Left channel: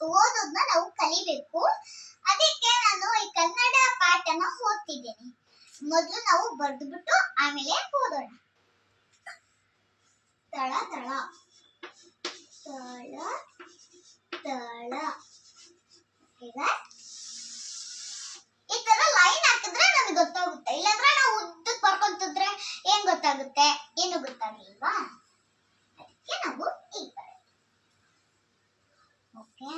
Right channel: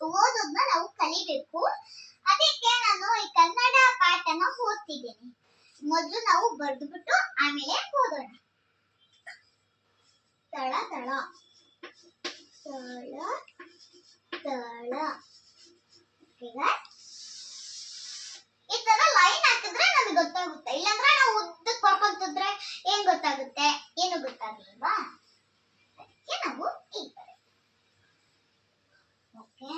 ಓದೋದನ್ನ ನಾವು ಕಲಿಬೇಕು. ಅದಕ್ಕೆ ನಾನು ಈ ಕನ್ನಡ ಪಾಠನ ಓದ್ತಿದ್ದೀನಿ. ಮೊದಲು ನಾವು ಬರೆದುಬಿಟ್ಟು ಆಮೇಲೆ ಓದೋಣ. ತಳ ತಳ ತಳ ತಳ. ಈಗ ಈ ತರ ಲೈನ್ ಹಾಕಿದ್ರೆ ನಮಗೆ ಗೊತ್ತಾಗುತ್ತೆ. ಇಲ್ಲಾಂದ್ರೆ ನಾವು ಉದ್ದಕ್ಕೆ ಬರ್ಕೊಂತಿದ್ರೆ ಏನ್ ಗೊತ್ತಾಗುತ್ತೆ? ಏನು ಗೊತ್ತಾಗಲಿಲ್ವಾ? ಅದಕ್ಕೆ ನಾವು ಈ ತರ. ಓಕೆ.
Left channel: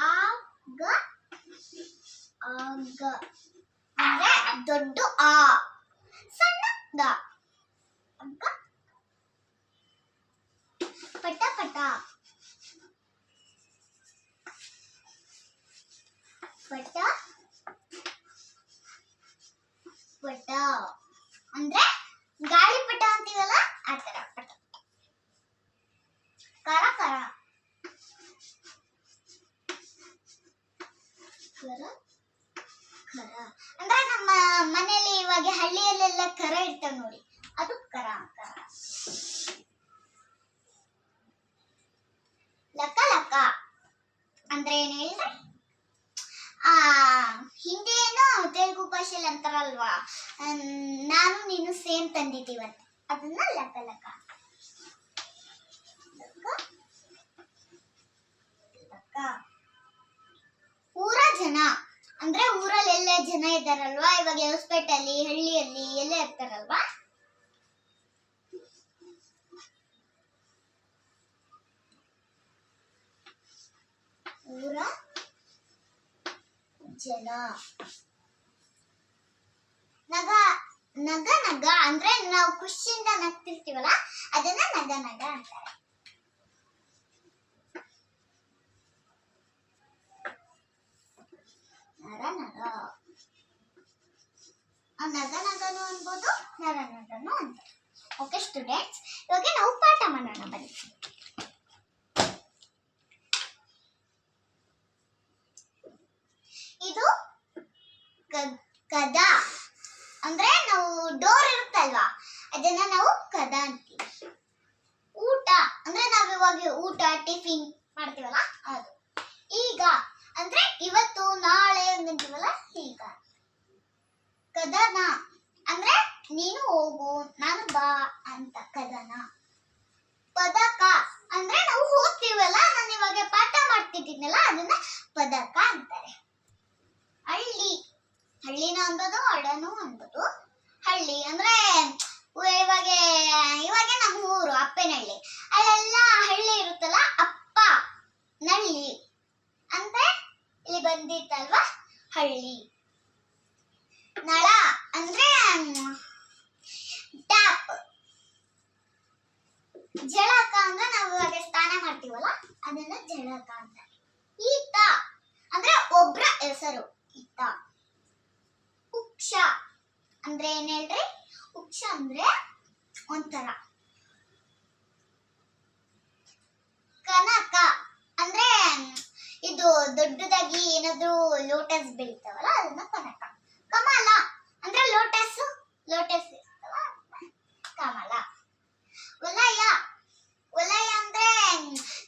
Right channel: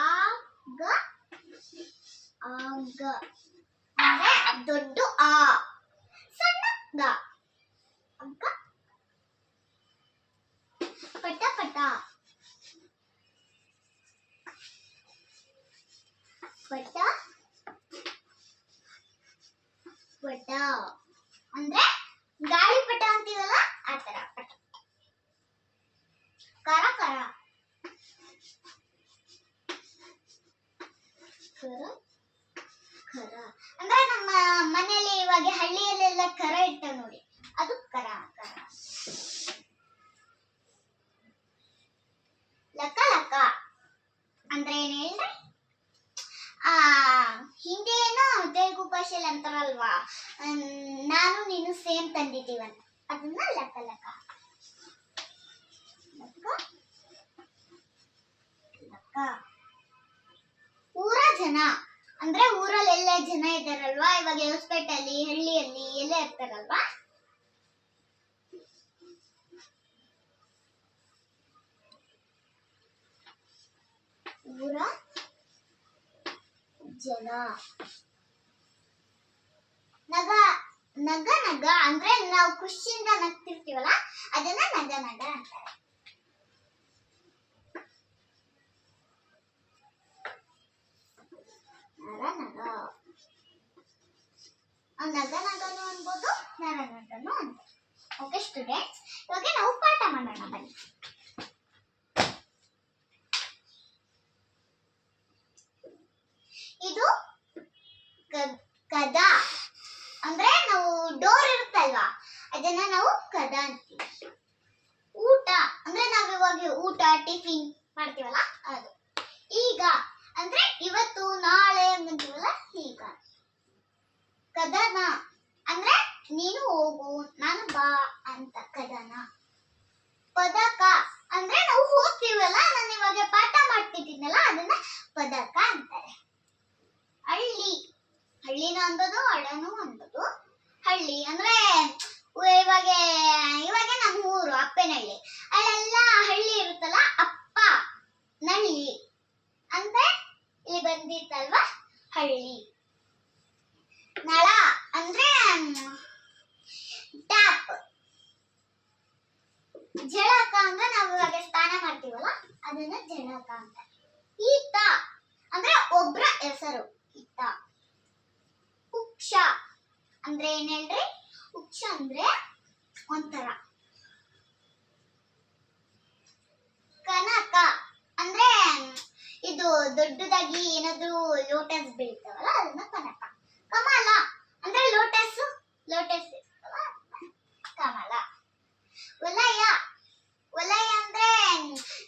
ಆಗ ಆಗ ಅಂದ್ರೆ ದೊಡ್ಡ ಆ, ಸಣ್ಣ ಗ. ಅಗ್ಗ. ಪಟ ಪಟ ಪಟ ಪಟ ಅಂದ್ರೆ ಗಾಳಿಪಟ ಅಂತೀವಲ್ಲ ಆ ತರ ಪಟ. ಕರ ಕರ ಕರ ಕರ ಅಂದ್ರೆ ನಮ್ಮ ಮನೆಯಲ್ಲಿ ಇವಾಗ ಹಳ್ಳಿಯಲ್ಲೆಲ್ಲ ಕರ ಇರ್ತಾವ ನೋಡಿ, ಅದು ಕರ ಕರ. ಲಕ ಲಕ ಅಂದ್ರೆ ಏನ್ ಹೇಳ್ರಿ? ಹಿಂದಿ ಏನೋ ತೆಲುಗು ಭಾಷೆಯಲ್ಲಿ ಅಂತಾರಲ್ವಾ, ನಾನು ನೀನು ಸೇಮ್ ತಂದಿದ್ದೀವಂತ, ಅದನ್ನ ಲಕ ಲಕ. ಲಕ ಲಕ. ಊರ ಜನ ಅಂದ್ರೆ ಊರಲ್ಲಿ ಎಲ್ಲ ಜನ ಇದ್ದಾರಲ್ವಾ, ಇವಾಗ ಹೊಸಪೇಟೆಯಲ್ಲಿ ಹಳ್ಳಿಯಲ್ಲಿ ಎಲ್ಲ ಇರ್ತಾರಲ್ವಾ. ಊರ ಜನ. ನಗ ನಗ ನಗ ಅಂದ್ರೆ ನಾವು ಖುಷಿಯಿಂದ ನಗ್ತಿರ್ತೀವಲ್ಲ, ಅದನ್ನ ನಗ ನಗ ಅಂತಾರೆ. ನರ ನರ. ನಗ ನಗನು ಅನ್ಬೋದು, ನರ ನರನು ಅಂತಾರೆ. ಓಕೆ ಸ್ಟೂಡೆಂಟ್ಸ್, ಇವಾಗ ನಾವು ಪಾಠ ಮಾಡೋಣ ಬನ್ನಿ. ಇದು ಕದ ಅಂದ್ರೆ ನಾವು ಡೋರ್ ಇರುತ್ತಲ್ವಾ, ಅದನ್ನ ನಾವು ಕದ ಅಂತೀವಿ. ಊಟ ಅಂದ್ರೆ ನಾವ್ ಇವಾಗ ಊಟ ಟಿಫಿನ್ ಮಾಡ್ತೀವಲ್ಲ ಅದು. ಈಗ ಅಂದ್ರೆ ಇವತ್ತು ನಾಳೆ ಅಂತೀವಲ್ಲ, ಈಗ. ಕದನ ಅಂದ್ರೆ ನೀನು ಹೋಗು ನಾನು ಬಾ ಅಂತ, ಕದನ. ಪದಕ ಅಂದ್ರೆ ನಾವು ಓದ್ತೀವಲ್ಲ, ನಾನು ಇವಾಗ ಪಾಠ ಮಾಡ್ತಿದ್ದೀನಲ್ಲ, ಅದನ್ನ ಪದಕ ಅಂತಾರೆ. ಹಳ್ಳಿ, ಹಳ್ಳಿನ ಅನ್ಬೋದು ಹಳ್ಳನು ಅನ್ಬೋದು. ಹಳ್ಳಿ ಅಂದ್ರೆ ಇವಾಗ ಇವಾಗ ನಮ್ಮ ಊರು ಅಪ್ಪನಹಳ್ಳಿ, ಅಲ್ಲೆಲ್ಲ ಹಳ್ಳಿ ಇರುತ್ತಲ್ಲ, ಅಪ್ಪ ನಳ್ಳಿ ಅಂದ್ರೆ ಇಲ್ಲಿ ಬಂದಿತ್ತಲ್ವಾ ಹಳ್ಳಿ. ನಳ ಅಂದ್ರೆ ಟ್ಯಾಪ್. ಜಳಕ ಅಂದ್ರೆ ನಾವು ಇವಾಗ ಸ್ನಾನ ಮಾಡ್ತೀವಲ್ಲ, ಅದನ್ನ ಜಳಕ ಅಂತ. ಈತ ಅಂದ್ರೆ ಒಬ್ರ ಹೆಸರು, ಈತ. ಉಕ್ಷ ಅಂದ್ರೆ ಏನ್ ಹೇಳ್ರಿ? ಉಕ್ಷ ಅಂದ್ರೆ ಒಂಥರ. ಕನಕ ಅಂದ್ರೆ ಇದು ದೊಡ್ಡದಾಗಿ ಏನಾದ್ರು ಲೋಟಸ್ ಬೆಳಿತಾವಲ್ಲ, ಅದನ್ನ ಕನಕ. ಕಮಲ ಅಂದ್ರೆ ಲೋಟಸ್, ಲೋಟಸ್ ಕಮಲ. ವಲಯ, ವಲಯ ಅಂದ್ರೆ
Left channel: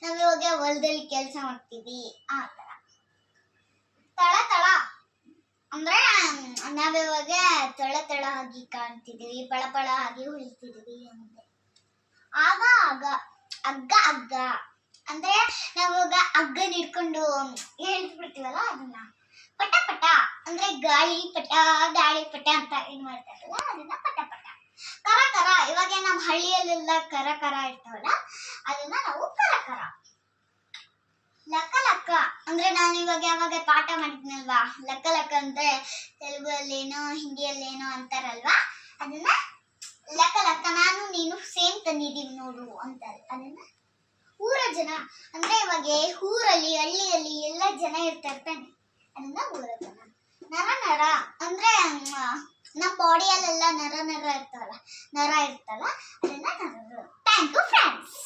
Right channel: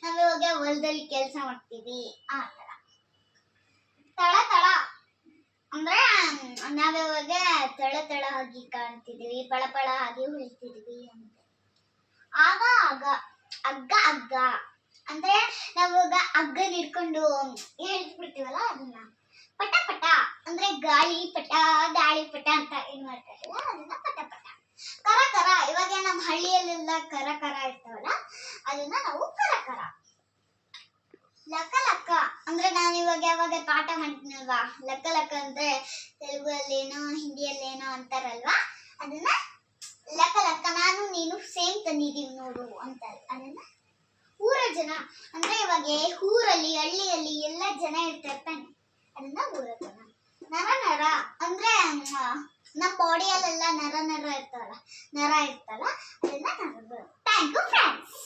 ನಾವ್ ಇವಾಗ ಹೊಲದಲ್ಲಿ ಕೆಲಸ ಮಾಡ್ತೀವಿ ಆ ತರ. ತಳ ತಳ ಅಂದ್ರೆ ನಾವಿವಾಗ ತಳ ತಳ ಆಗಿ ಕಾಣ್ತಿದೀವಿ, ಪಳ ಪಳ ಆಗಿ ಹೊಳಿತಿದೀವಿ ಅಂತೆ. ಆಗ ಆಗ. ಅಗ್ಗ ಅಗ್ಗ ಅಂದ್ರೆ ನಾವಾಗ ಹಗ್ಗನ ಹಿಡ್ಕೊಂಡು ಹೇಳ್ಬಿಡ್ತೀವಲ್ಲ, ಅದನ್ನ. ಪಟ ಪಟ ಅಂದ್ರೆ ಗಾಳಿ ಪಟ ಅಂತ ಏನ್ ಮಾಡ್ತಾರಲ್ಲ, ಅದನ್ನ ಪಟ ಪಟ. ಕರ ಕರ, ಇವಾಗ ನಮ್ಮ ಹಳ್ಳಿಯಲ್ಲೆಲ್ಲ ಕರ ಕರ ಇರ್ತಾವಲ್ಲ, ಅದನ್ನ ನಾವು ಕರ ಕರ. ಲಕ ಲಕ ಅಂದ್ರೆ ನಾನು ಇವಾಗ ಯಾವಾಗ ಪಾಠ ಮಾಡ್ತೀನಲ್ವಾ, ಲಕ ಲಕ ಅಂದ್ರೆ ತೆಲುಗಲ್ಲೇನೋ ಹಿಂದಿಯಲ್ಲೇನೋ ಅಂತಾರಲ್ವಾ, ಅದನ್ನ ಲಕ ಲಕ. ನಾನು ನೀನು ಸೇಮ್ ತಂದಿದ್ದೀವಿ ನೋಡು ಅಂತಾರೆ, ಅದನ್ನ. ಊರ ಜನ ಅಂದ್ರೆ ಇವಾಗ ಊರಲ್ಲಿ ಹಳ್ಳಿಯಲ್ಲಿ ಎಲ್ಲ ಜನ ಇರ್ತಾರೆ ತಾನೆ, ಅದನ್ನ ಊರ ಜನ. ನರ ನರ ಅಂದ್ರೆ ನಮ್ಮ ಬಾಡಿಯಲ್ಲೆಲ್ಲ ನರ ನರ ಇರ್ತಾವಲ್ಲ, ನರ ಇರ್ತಲ್ಲ, ಅದನ್ನ ನರ. Thank you friends.